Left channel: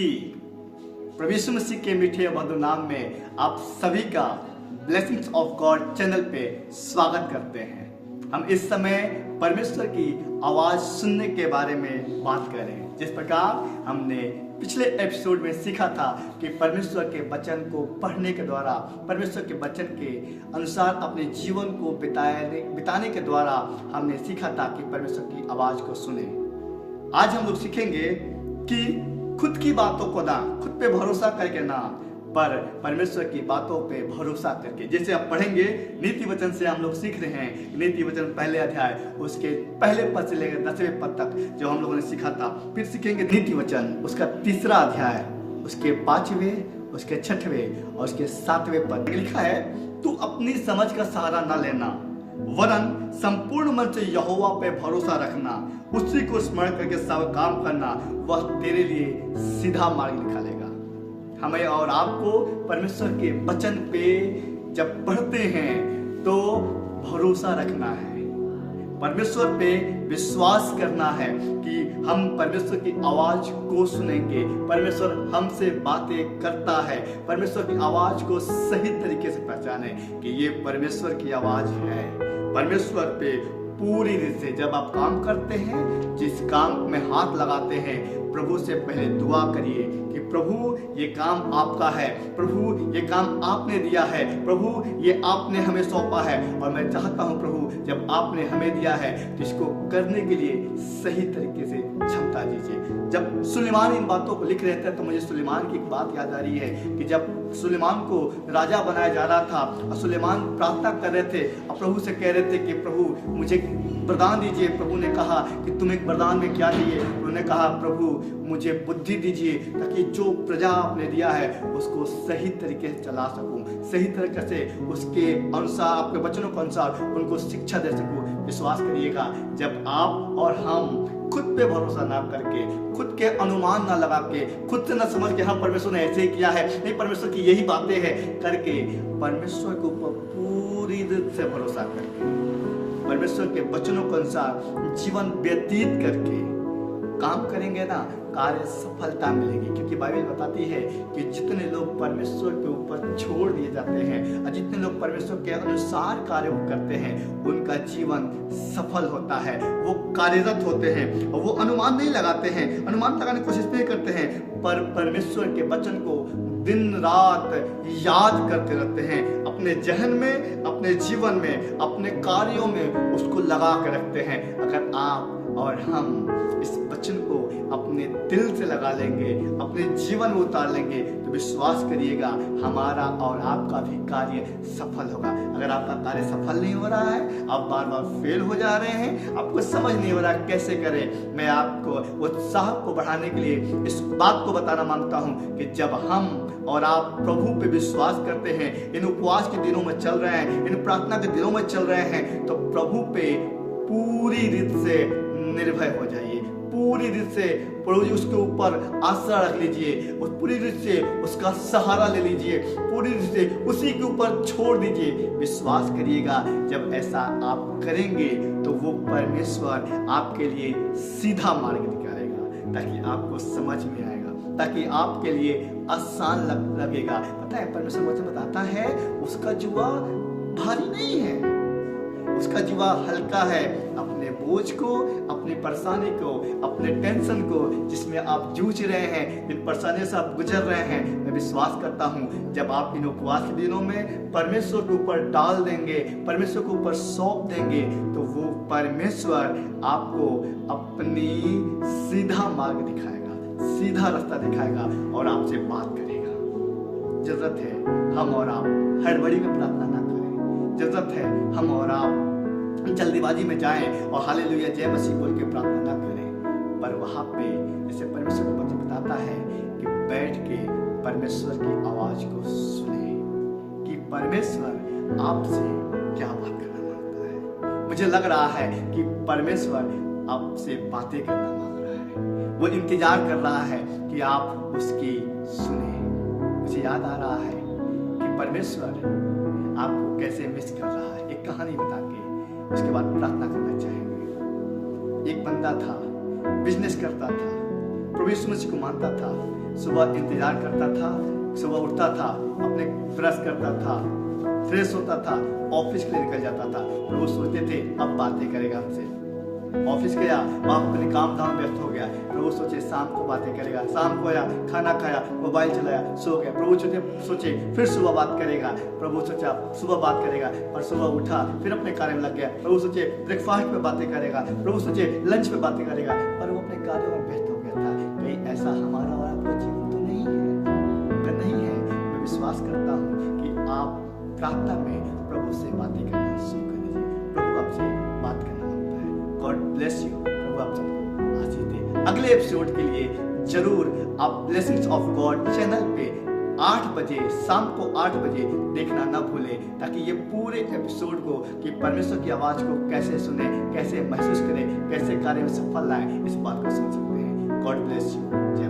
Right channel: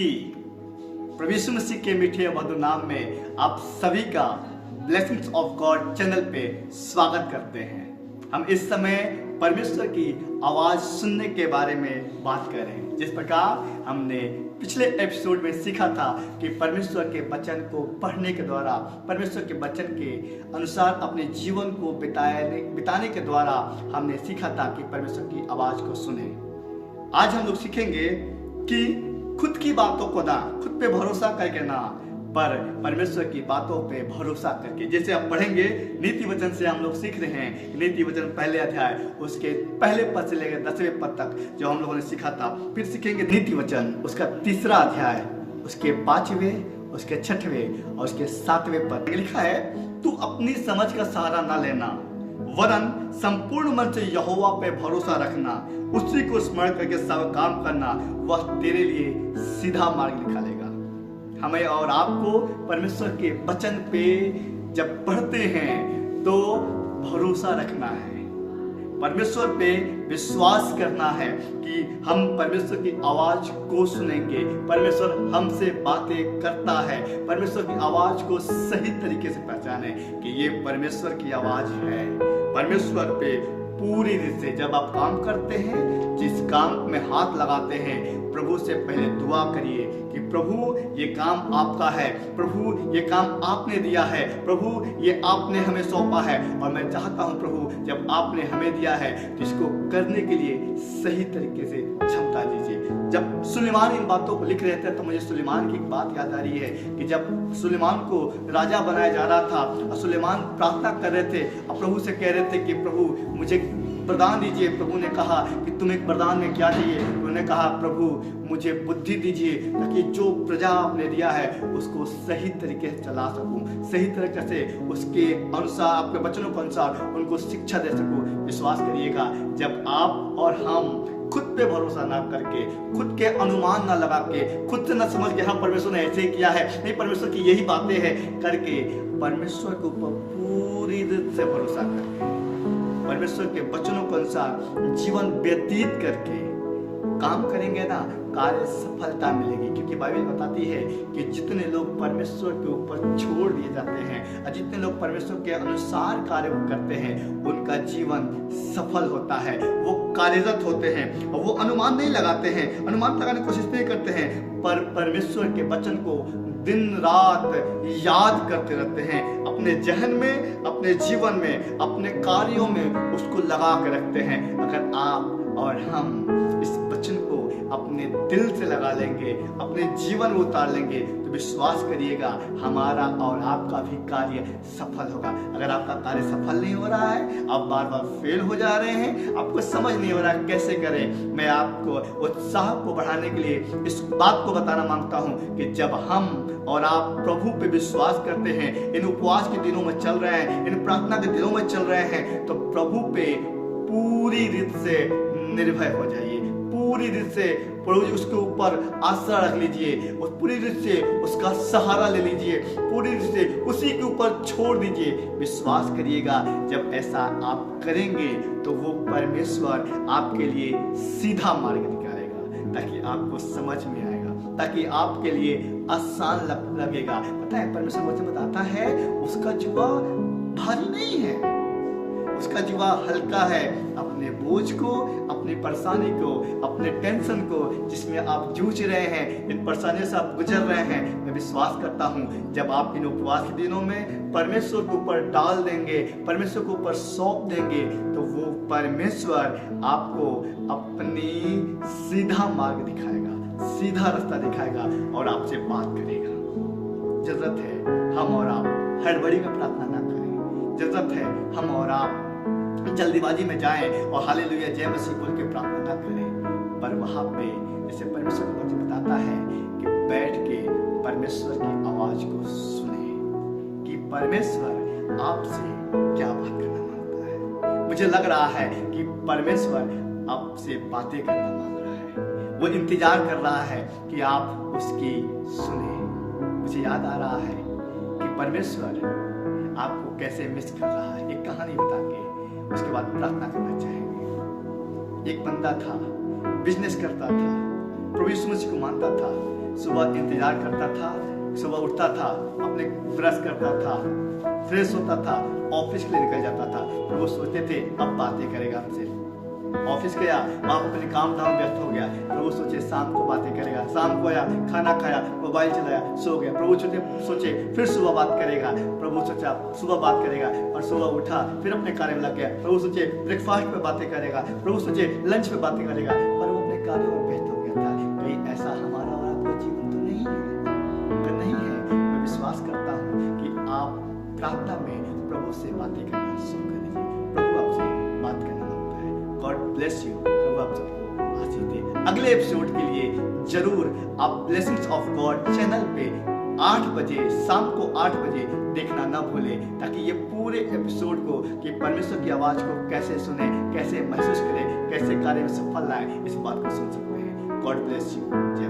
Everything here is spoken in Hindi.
की प्रभु यीशु मसीह के मीठे मधुर नाम में आप सभी का ब्लेसिंग्स ऑफ गॉड चैनल पे स्वागत करते हैं। हम इस समय परमेश्वर की आवाज सुनने के बारे में बात कर रहे हैं। जिस प्रकार हमने पिछले एपिसोड में सीखा था कि परमेश्वर के वचन को पढ़ने के द्वारा, परमेश्वर के वचन के अनुसार अपने जीवन को बिताने के द्वारा हमने सीखा था कि परमेश्वर की आवाज को सुने। आज हम लोग सीखेंगे कि खुद की बातों को ना, खुद पे भरोसा करके ना, पर परमेश्वर की बातों पे भरोसा करके। जैसे आप पढ़ेंगे नीति वचन से हम लोग सीख रहे हैं। नीति वचन पहले अध्याय उसके पहले पद से लेकर 10वें पद तक जो हम लोगों ने सीखा था। फिर सीखेंगे नीति वचन उसका 3रा अध्याय उसके 5वें, उसके 6वें और उसके 7वें पद। लिखा है, तू अपनी समझ का सहारा न लेना, वरन संपूर्ण मन से यहोवा पे भरोसा रखना, उसी को स्मरण करके सब काम करना, वह तेरे लिए सीधा मार्ग निकालेगा। हमें और आपको परमेश्वर के वचन पे जब पढ़ते हैं तो भरोसा रखना है, परमेश्वर पे विश्वास करना है कि हम परमेश्वर की आवाज को सुनेंगे। परमेश्वर हमसे बातें करता है, परमेश्वर की आवाज को सही तरीके से पहचाने कि ये परमेश्वर की आवाज है। परमेश्वर पे पूरी रीत से जब आप काम करते हैं, जिस काम में हाथ लगाते हैं, प्रभु से पहले दुआ करिए कि प्रभु ये काम आपका है, प्रभु ये काम आपने दिया है, प्रभु ये आपने हमें सौंपा है और मैं चाहता हूं प्रभु जब आपने हमें दिया है तो इसको करने के लिए सही तरीके से क्षमता दीजिए। जब सुलेमान इन बातों को लिख रहे थे तो मुझे सुलेमान की एक बात याद आ रही है कि जब सुलेमान को राजा बनाया जा रहा था और सुलेमान प्रार्थना कर रहे थे और प्रभु से कह रहे थे कि प्रभु मुझे वरदान दीजिए। प्रभु ने कहा कि तुम्हें वरदान में क्या चाहिए? उन्होंने कहा प्रभु मुझे बुद्धि दीजिए ताकि जो प्रजा आपने दिया है उसको सही तरीके से चला सकूं, सही तरीके से उसके अनुसार, आपके वचनों के अनुसार उनको शिक्षा दे सकूं। विश्वास करिएगा, जब आप और हम खुद पे भरोसा ना करके, खुद के अनुमान ना लगा के, खुद से ना समझ के हम परमेश्वर ने ऐसे ही किया है, नहीं परमेश्वर की यही बातें हैं करके, परमेश्वर के ऊपर पूरी रीत से भरोसा करके, परमेश्वर के वचनों के अनुसार जीवन व्यतीत करके काम करेंगे ना, कार्य सफलता मिलेगी। क्योंकि बाइबल बताती है कि जितने लोग परमेश्वर के ऊपर छोड़ दिए जाते हैं और जितने लोग परमेश्वर के अनुसार कार्य करते हैं उनका जीवन सफल होता है, वो कार्यरत होते हैं और वो अनुमान नहीं लगाते हैं, अनुमान लगाने की कोशिश नहीं करते हैं, पर परमेश्वर के वचन को दिन रात याद करते रहते हैं, अपने जहन में, अपने जीवन में, अपने कार्यों में उसको लगा के रखते हैं। अगर आप और हम इस वचन को अपने दिल से लगा लेंगे, अपने जीवन में उतार लेंगे तो विश्वास करिएगा हमारा और आपका भी कार्य सफल होगा। अगर आपका कार्य सफल नहीं हो रहा है, आप बार बार फेल हो जा रहे हैं, आपको समझ नहीं हो रहा कैसे करें, मैं आपको उत्साह को बढ़ाने के लिए इस बात को बताना मांगता हूं कि जब हम और आप प्रभु पे विश्वास करते हैं, इन उपवास के दिनों में चल रहे हैं, इन प्रार्थना के दिनों में चल रहे हैं, तो प्रभु पे पूरी रीत से निर्भय हो जाइए, पूरी रीत से प्रभु जी उसके ऊपर आशा रख लीजिए और पूरी रीत से उसका सहारा ले लीजिए, पूरी रीत से उसी के ऊपर छोड़ दीजिए। विश्वास करिएगा, जब ऐसा आप करेंगे तो वो परमेश्वर आपके लिए सीधा मार्ग निकालेगा, ताकि आपको समझ में आएगा, ताकि आपके लिए आसान लगेगा। पता है परमेश्वर वचन बताता है उसका जुआ भारी नहीं है, उसका जुआ हल्का है। अपने बोझ को, अपनी परेशानी को, अपने टेंशन को जिसमें आप जूझ रहे हैं, इन परेशानियों से आप गुजर रहे हैं, मैं विश्वास करता हूं जब आप इन उपवास के दिनों में परमेश्वर के ऊपर डाल देंगे, परमेश्वर के ऊपर सौंप देंगे, तो वो परमेश्वर आपको अपनी सीधा मार्ग दिखाएगा, सीधा रास्ता दिखाएगा और आपसे बात करेगा। जरूरत है हम और आप हड़बड़ी में प्रार्थना ना करें, जरूरत है हम और आप जल्दीबाजी में जाएं और हालेलुया जय मसीह बोल के प्रार्थना ना करें, पर वहां पे जैसे परमेश्वर का वचन बताता है कि बैठ के परमेश्वर की आवाज को सुने कि परमेश्वर आपसे क्या बात करना मांगता है। मुझे लग रहा है कि परमेश्वर आपसे बातें करना मांग रहा है, वो इंतजार कर रहा है कि आप उसकी सुने। मुझे याद आ रहा है कि परमेश्वर आपको कैसे मिस कर रहा है। एक कहानी बता के उसके बाद प्रार्थना करना चाहेंगे। एक बंदा था, बिजनेस करता था, प्रभु यीशु मसीह को मानता था, सुबह इंतजार करता था, सुबह उठता था, अपने ब्रश करता था, फ्रेश होता था, ऑफिस के लिए निकल जाता था। प्रभु सोचते थे अब बातें करेगा हमसे। ऑफिस गया, वहाँ अपने काम धाम व्यस्त हो गया। प्रभु सोचे शाम को बातें करेगा। शाम को आया, खाना खाया, मोबाइल चलाया, सो गया। प्रभु सोचे फिर सुबह बात करेगा। प्रभु सोचा सुबह बात करेगा, पर सुबह उठा, फिर अपने कार्य में लग गया। प्रभु सोचे ब्रेकफास्ट पे बातें करेगा, प्रभु सोचे लंच पे बातें करेगा, पर वो अपने कार्य में व्यस्त हो गया था। कहीं ऐसा हमारा और आपका जीवन तो नहीं है? अगर नहीं है, मैं विश्वास करता हूँ कि आप प्रार्थना में प्रभु से बातें करना शुरू कर दीजिए। प्रभु आपसे बात करना मांगता है। God bless you. प्रभु आप सबको आशीष दे। अगले एपिसोड के लिए जरूर आप ब्लेसिंग्स ऑफ गॉड चैनल पे 8 बजे, शाम को 8 बजे देखना ना भूलें, ताकि ये पूरे एपिसोड को कि परमेश्वर की आवाज़ को कैसे सुने, कैसे महसूस करें, कैसे कार्य में सफल लाएं, इस बात को सुन सकते हैं। God bless you. जय